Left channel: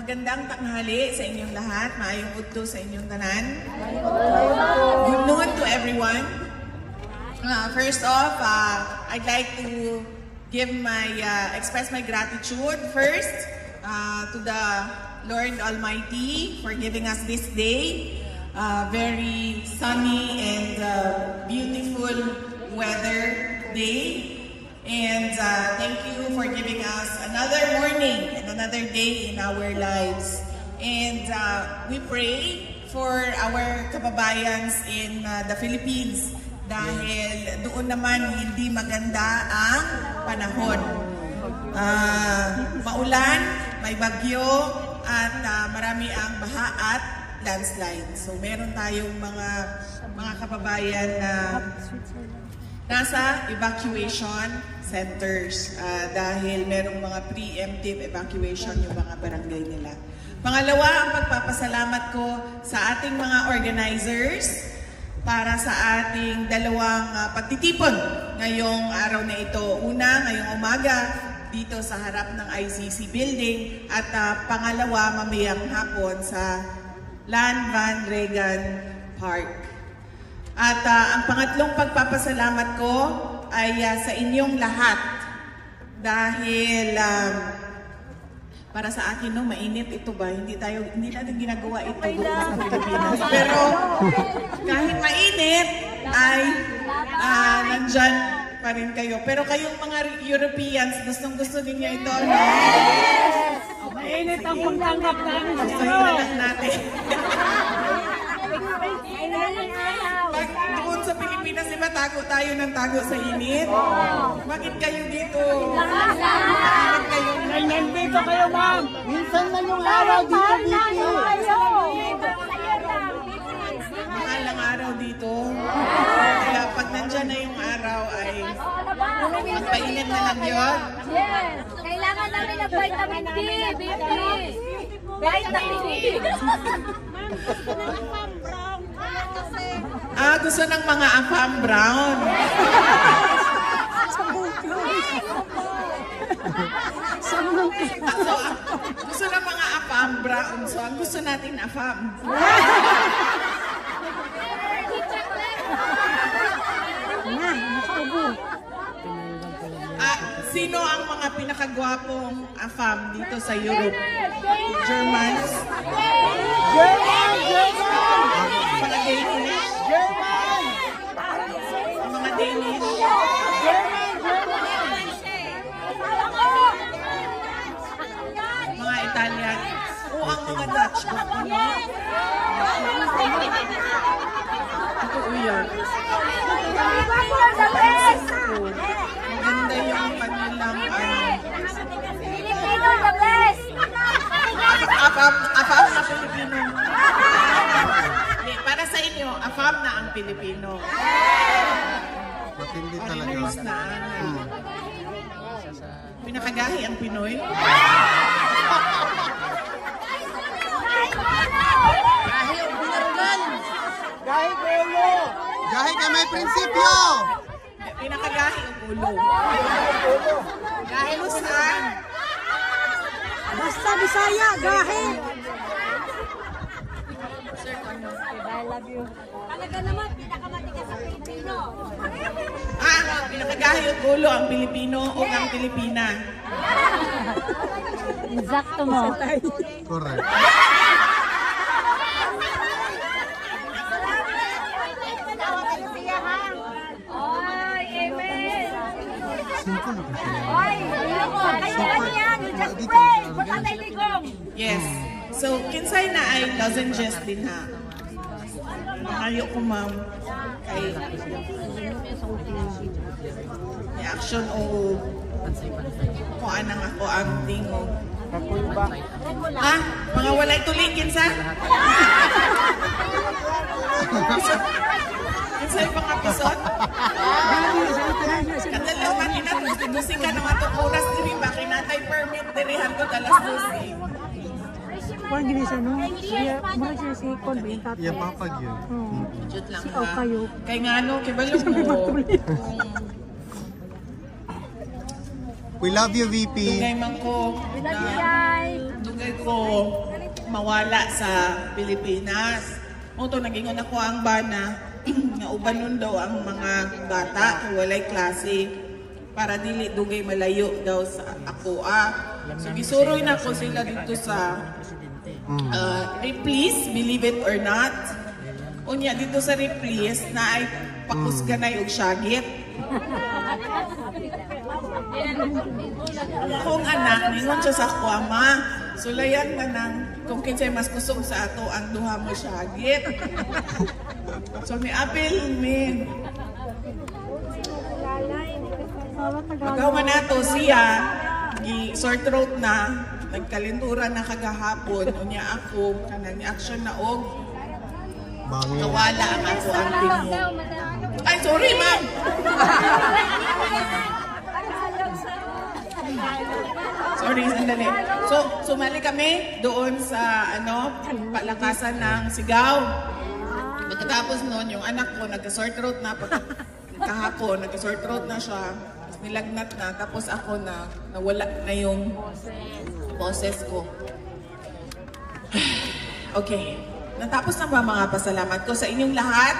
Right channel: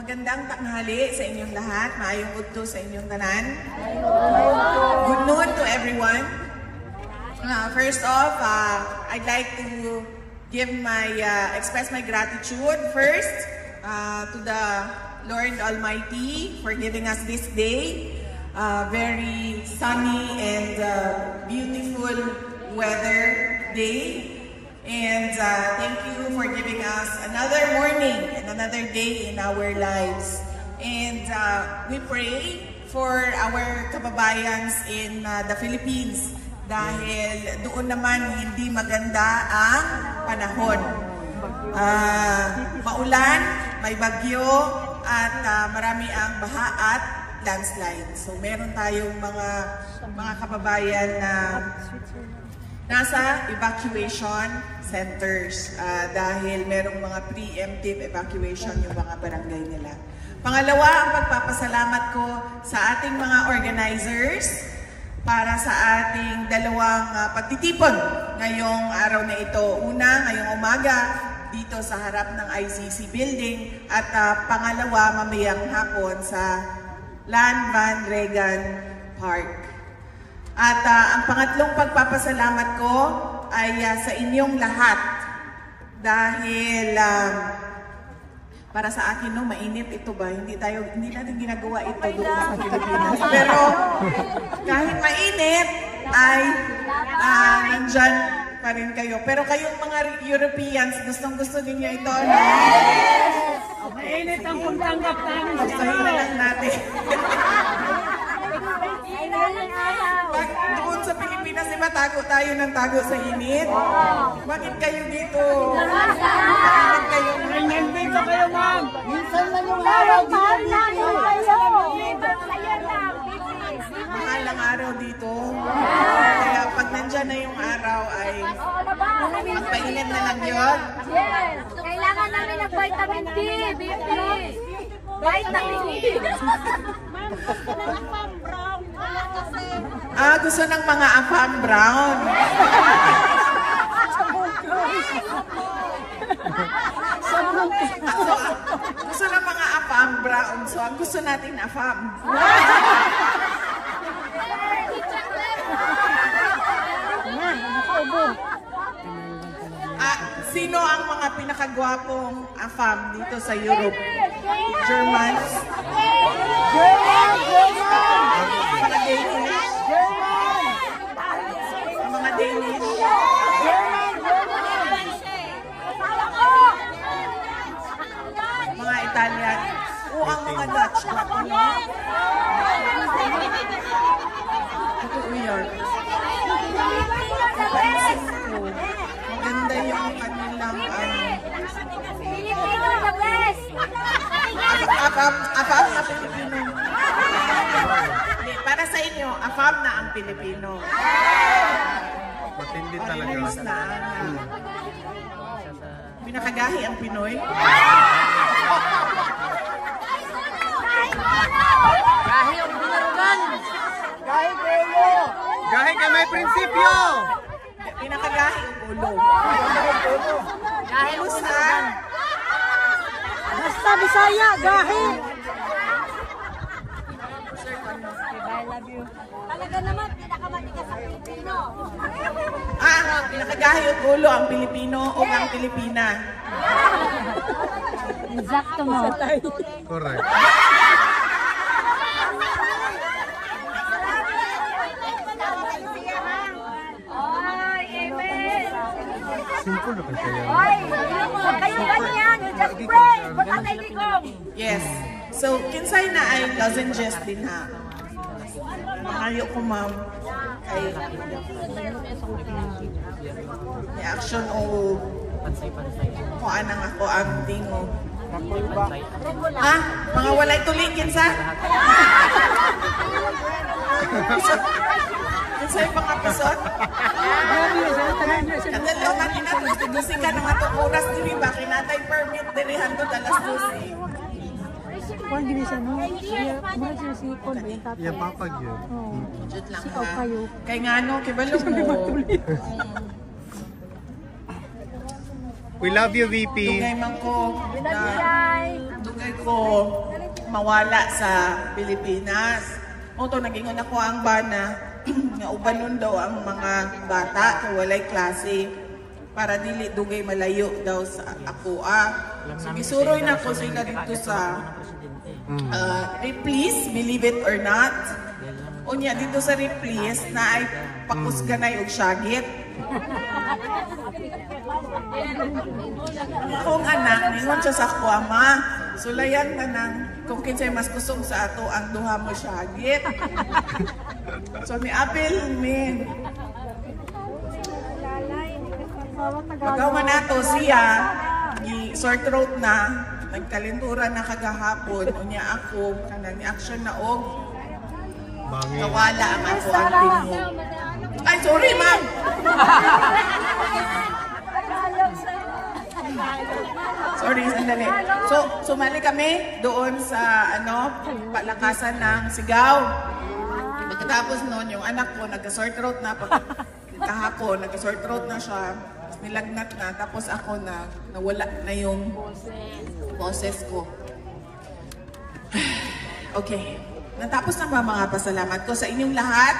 Magandang tanghali sa inyong lahat. Maayong udto sa inyong tanan. Good noon to everyone. First off, I'd like to express my gratitude first to the Lord Almighty for giving us this day. Very sunny and beautiful weather day. And thank you for giving us another morning and another day in our lives. And we pray for our kababayans in the Philippines dahil doon naman hindi maganda ang panahon. Maulan, may bagyo, at marami ang baha at landslide. So meron tayong mga kababayan na nasa evacuation centers dahil merong mga preemptive evacuation yung mga barangay nila. Pangalawa, ang pagpapasalamat ko sa ating mga organizers para sa ating dalawang pagtitipon ngayong araw na ito. Una, ngayong umaga dito sa harap ng ICC building at pangalawa, mamayang hapon sa Lan Van Regan Park. At ang pangatlong pagpapasalamat ko ay sa inyong lahat dahil para sa akin mainit ito ba? Hindi natin ginagawa ito doon sa Pilipinas. Pero kahit mainit ay nandyan pa rin kayo. Pero kayong mga Europeans, gustong-gusto ninyo ito? Yes! Mainit ang puntanggap namin. Gusto natin. Doon sa Pilipinas, diba tago tayo ng tago sa init? Bakit kayo dito? Bakit kayo? Nandito kayo, ma'am. Minsan na yung lawag dito. Mahal ang araw dito. Kaya pag nandyan na yung araw ay magpainit na ng yun. Yes! Kailangan namin ng vitamin D, baby! Vitamin D! Gusto ng mga afam brown. Gusto ng mga afam brown. So, ang gusto natin afam. Sino ang mga pinakagwapong afam dito sa Europe? Germans? Mga Danish? Mga Danish? Mga Italian? O ang mga Dutch? Ito weird. Maganda yung kanilang afam na Pilipino. Para sa inyo, afam na ang Pilipino. Matindi talaga. Pinakagahi ang Pinoy. Gahi ka may prinsipyo! Pinakagahi ang ulo. Gahi saan? Basta Bisaya, gahi! I love you. Talaga naman, pinakamatigas sa Pilipino. Pinakagahi ang ulo ang Pilipino o ang Pilipina? Exacto mo. Correct. Simple na kasi yan. Yes. So, kinsay na ay lozenges din ha. Makayo ko ma'am. Ay reaction o kuhaan na ako ang tingo. Ha? Mga walay tuloy kinsa? Kinsay mga pisot? Kadalaman gusto ka ng atong oras din ba? Kinatay permit dilihan ko dalas gusi. Kung hindi siya, no? Mga siya si Colby, yung tatay. Yan, papag yun. Jut lang Si kayo. Kay nga no, kibalog mo. We love you, VP. Dugay man ko. Dugay ko. mawala sa Pilipinas. Oto nagingon ako ang bana na ubanon daw ang mga bata kay walay klase para dili dugay malayo daw sa ako. So gisuroy na ko sila dito sa Ripley's, believe it or not. Unya dito sa Ripley's na ay pakusganay og syagit. Akong anak, ningon siya sa ako, ama, sulayan ka nang kung kinsay mas kusog sa ato ang duha mo syagit. So ni apel mi. Pagaw man nato siya, gi sore throat na, nagkalinturan na kagahapon, unya ako, kanang ni action na og mawala ang ako ang pingo. Ay, sorry man! Sorry, sandali. So, sumali kami doon sa, palakasan ng sigaw. Pagkatapos noon, yung anak ko, nagka-sore throat na, kahapon, nagka-sore throat na siya, nilagnat na, tapos ako nawala na yung boses ko. Okay. Natapos na ba mga pasalamat ko sa inyong lahat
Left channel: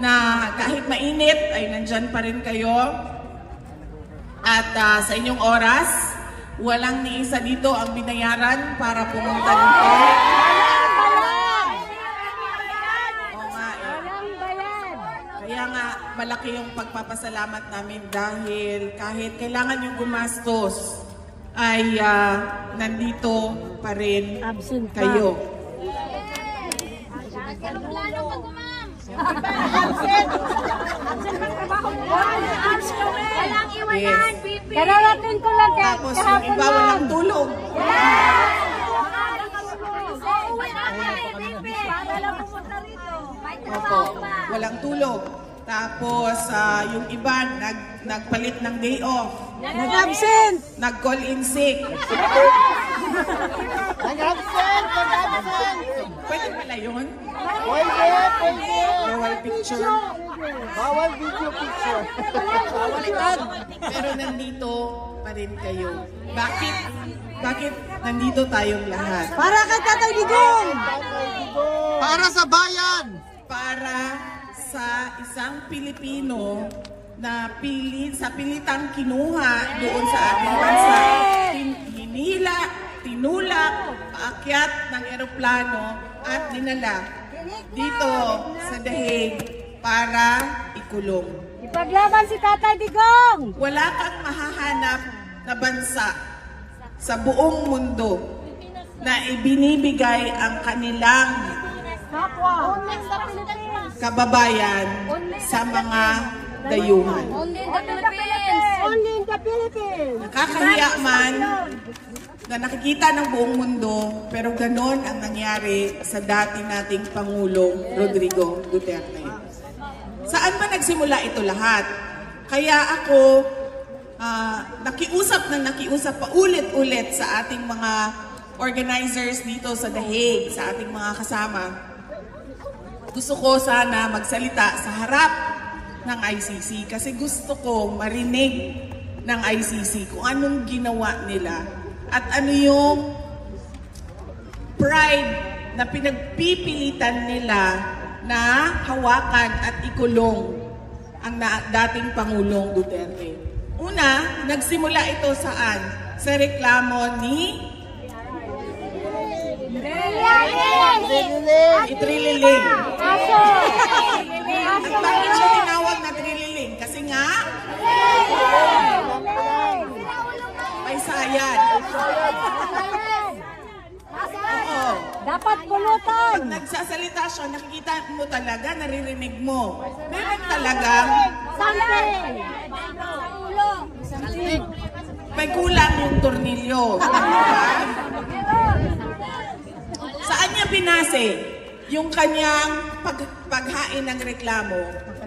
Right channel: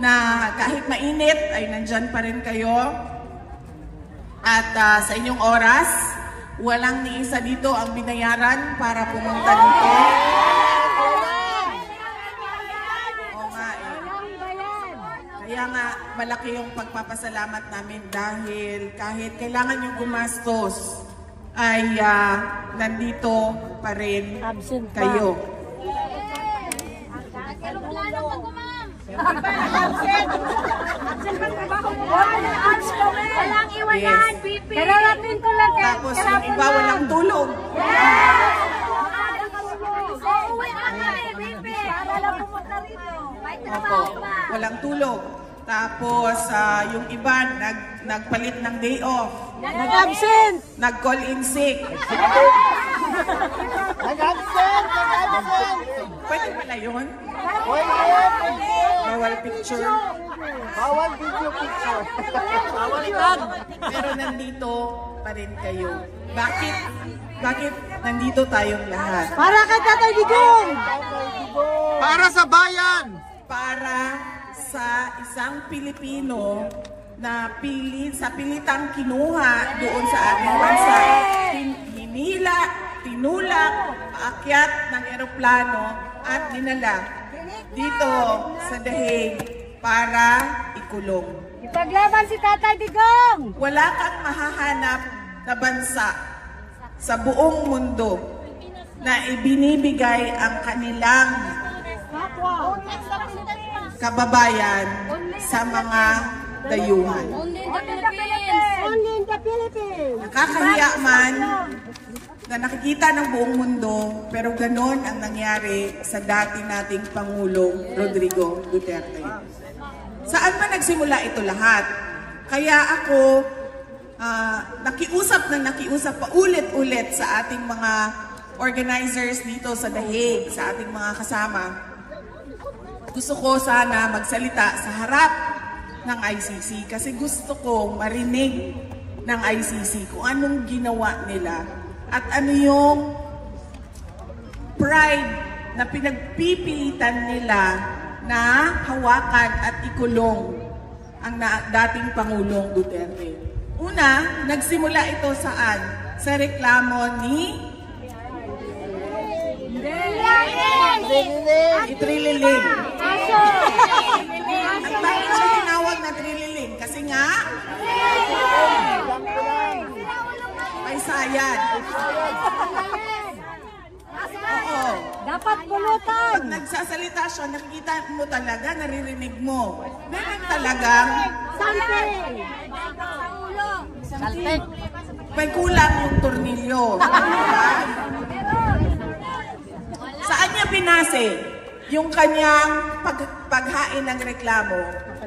na kahit mainit ay nandyan pa rin kayo at sa inyong oras, walang ni isa dito ang binayaran para pumunta dito. Kaya nga malaki yung pagpapasalamat namin dahil kahit kailangan yung gumastos ay nandito pa rin kayo. Tapos yung iba walang tulog. Walang tulog. Tapos yung iba nagpalit ng day off. Nag-absent! Nag-call in sick. Pwede pala yun? Bawal picture. Bawal video picture. Pero nandito pa rin kayo. Bakit nandito tayong lahat? Para kay Tatay Digong! Para sa bayan! Para sa isang Pilipino na pilitan kinuha doon sa ating bansa. Hinila, tinulak, paakyat ng eroplano at dinala dito sa The Hague para ikulong. Ipaglaban si Tatay Digong! Wala kang mahahanap na bansa sa buong mundo na ibinibigay ang kanilang kababayan sa mga dayuhan. Only in the Philippines! Nakakahiya man na nakikita ng buong mundo, pero ganon ang nangyari sa dati nating Pangulong Rodrigo Duterte. Saan ba nagsimula ito lahat? Kaya ako nakiusap pa ulit-ulit sa ating mga organizers dito sa The Hague, sa ating mga kasama. Gusto ko sana magsalita sa harap ng ICC kasi gusto ko marinig ng ICC kung anong ginawa nila at ano yung pride na pinagpipilitan nila na hawakan at ikulong ang dating Pangulong Duterte. Una, nagsimula ito saan? Sa reklamo ni Trililing. At bakit siya tinawag na Trililing? Kasi nga may sayad. Dapat pulutan! Pag nagsasalita siya, nakikita mo talaga, naririnig mo. Meron talaga may kulang yung tornilyo. Saan niya pinase yung kanyang paghain ng reklamo?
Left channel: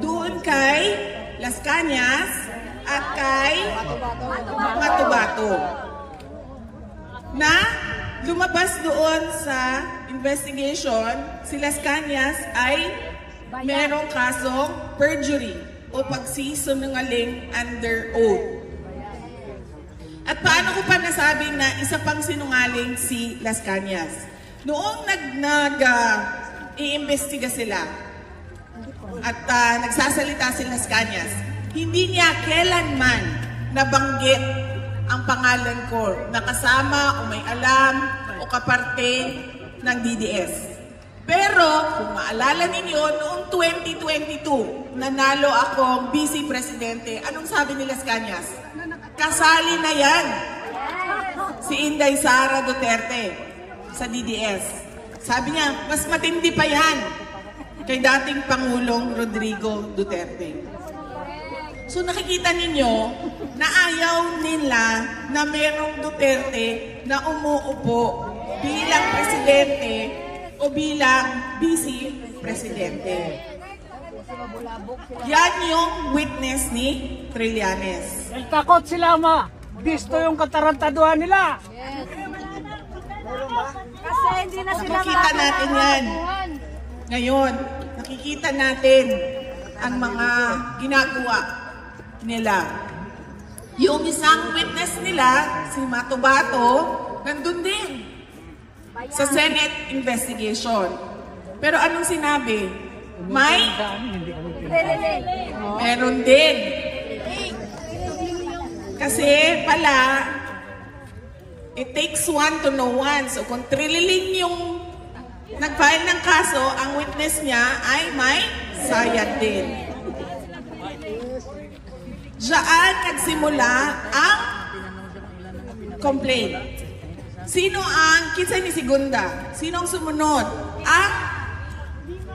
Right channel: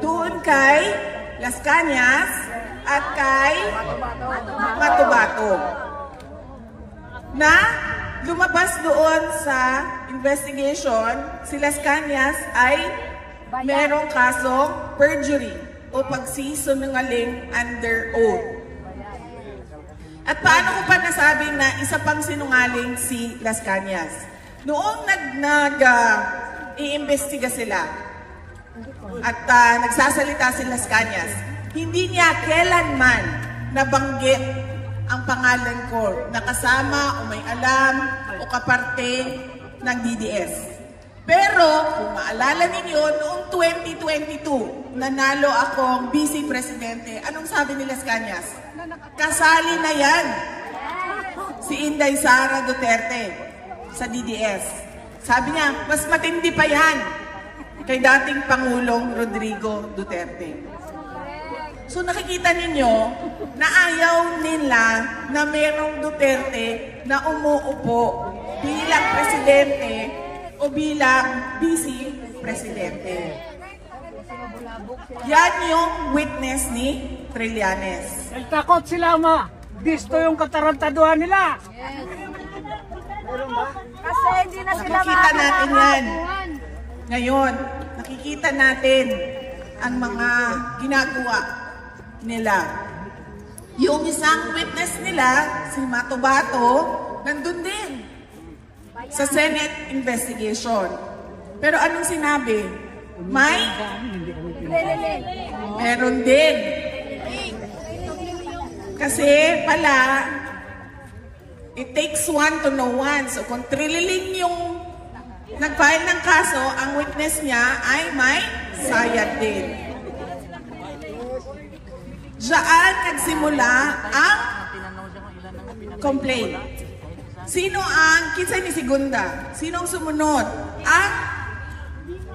Doon kay Las Cañas at kay Matubato. Na lumabas doon sa investigation, si Las Cañas ay merong kasong perjury o pagsisinungaling under oath. At paano ko pa nasabing na isa pang sinungaling si Las Cañas? Noong iimbestiga sila at nagsasalita sila sa Cañas, hindi niya kailanman nabanggit ang pangalan ko na kasama o may alam o kaparte ng DDS. Pero kung maalala ninyo, noong 2022, nanalo akong Vice Presidente. Anong sabi nila sa Cañas? Kasali na yan si Inday Sara Duterte sa DDS. Sabi niya, mas matindi pa yan kay dating Pangulong Rodrigo Duterte. So nakikita ninyo na ayaw nila na merong Duterte na umuupo bilang presidente o bilang vice presidente. Yan yung witness ni Trillanes. Takot sila, ma. Gusto yung katarantaduhan nila. Kasi hindi na sila Nakikita natin yan. Ngayon, nakikita natin ang mga ginagawa nila. Yung isang witness nila, si Matubato, nandun din sa Senate investigation. Pero anong sinabi? Meron din. Kasi pala, it takes one to know one. So kung Trilliling yung nag-file ng kaso, ang witness niya ay may sayad din. Diyan nagsimula ang complaint. Sino ang, kinsa ni Segunda? Sinong sumunod? Ang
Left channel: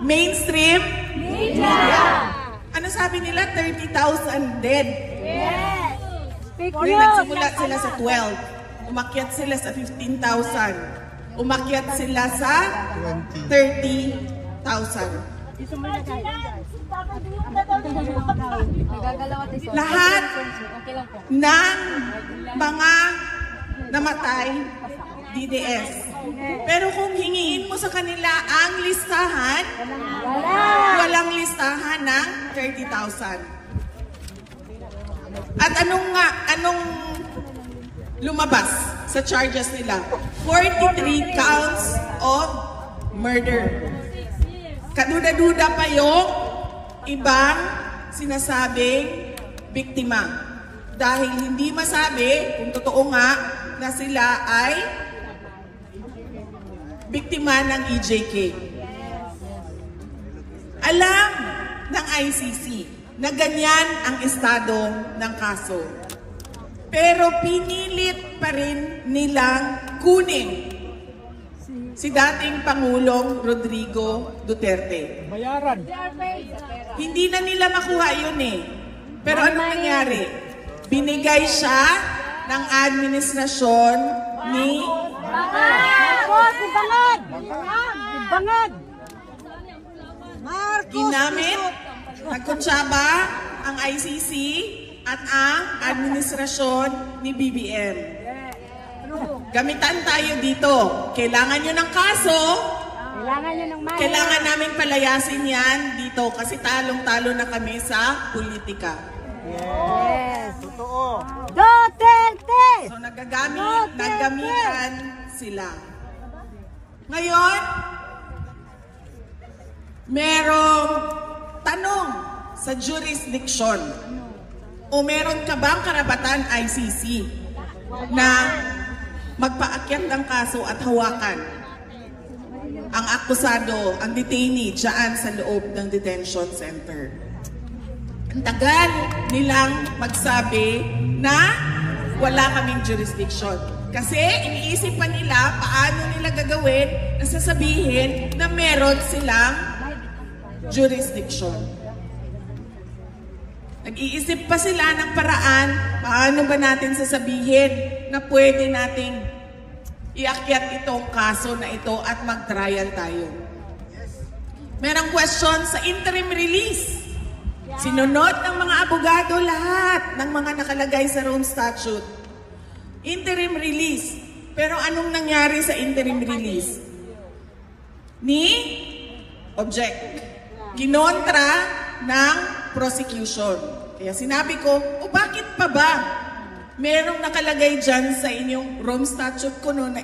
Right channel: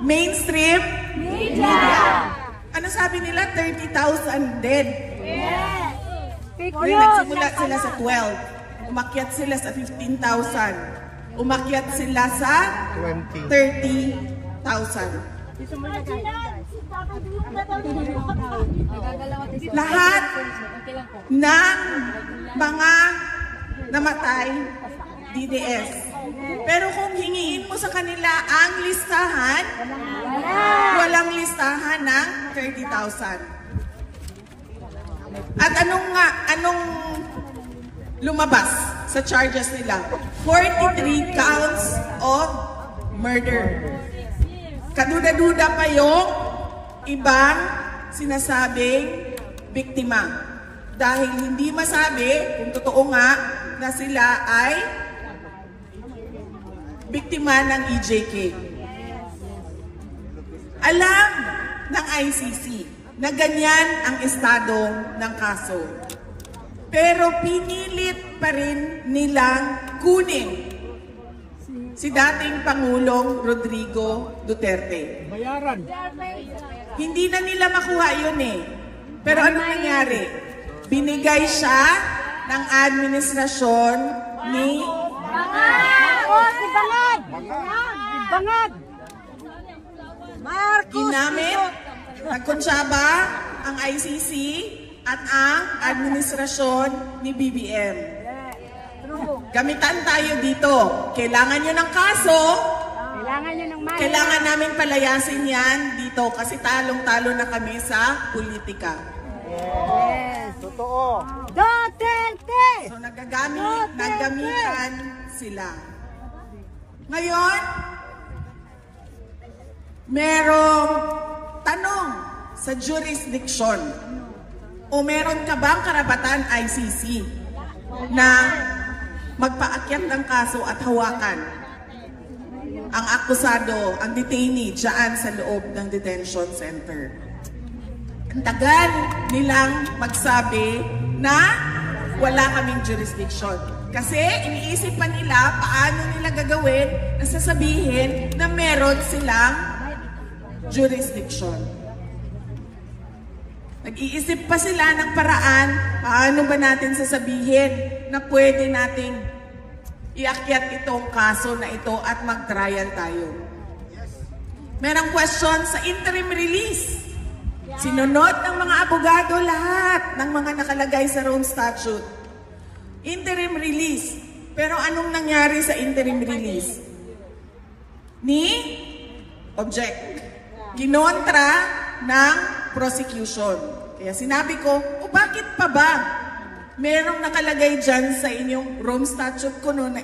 mainstream media. Ano sabi nila? 30,000 dead. Yes. Pero nagsimula sila sa 12. Umakyat sila sa 15,000. Umakyat sila sa 30,000. Lahat ng mga namatay DDS. Pero kung hingiin mo sa kanila ang listahan, walang listahan ng 30,000. At anong lumabas sa charges nila? 43 counts of murder. Kaduda-duda pa yung ibang sinasabing biktima. Dahil hindi masabi kung totoo nga na sila ay biktima ng EJK. Alam ng ICC na ganyan ang estado ng kaso. Pero pinilit pa rin nilang kunin si dating Pangulong Rodrigo Duterte. Bayaran. Hindi na nila makuha yun eh. Pero ano nangyari? Binigay siya ng administrasyon ni Bangad! ginamit, nagkonsyaba ang ICC at ang administrasyon ni BBM. Gamitan tayo dito. Kailangan nyo ng kaso, kailangan namin palayasin yan dito kasi talong-talo na kami sa politika. Yes! Totoo. Duterte! So naggamitan sila. Ngayon, merong tanong sa jurisdiction o meron ka bang karapatan ICC na magpaakyat ng kaso at hawakan ang akusado, ang detainee dyan sa loob ng detention center? Ang tagal nilang magsabi na wala kaming jurisdiction. Kasi iniisip pa nila paano nila gagawin na sasabihin na meron silang jurisdiction. Nag-iisip pa sila ng paraan paano ba natin sasabihin na pwede nating iakyat itong kaso na ito at mag-trial tayo. Merong question sa interim release. Sinunod ng mga abogado lahat ng mga nakalagay sa Rome Statute. Interim release. Pero anong nangyari sa interim release? Object. Kinontra ng prosecution. Kaya sinabi ko, bakit pa ba merong nakalagay dyan sa inyong Rome Statute ko no na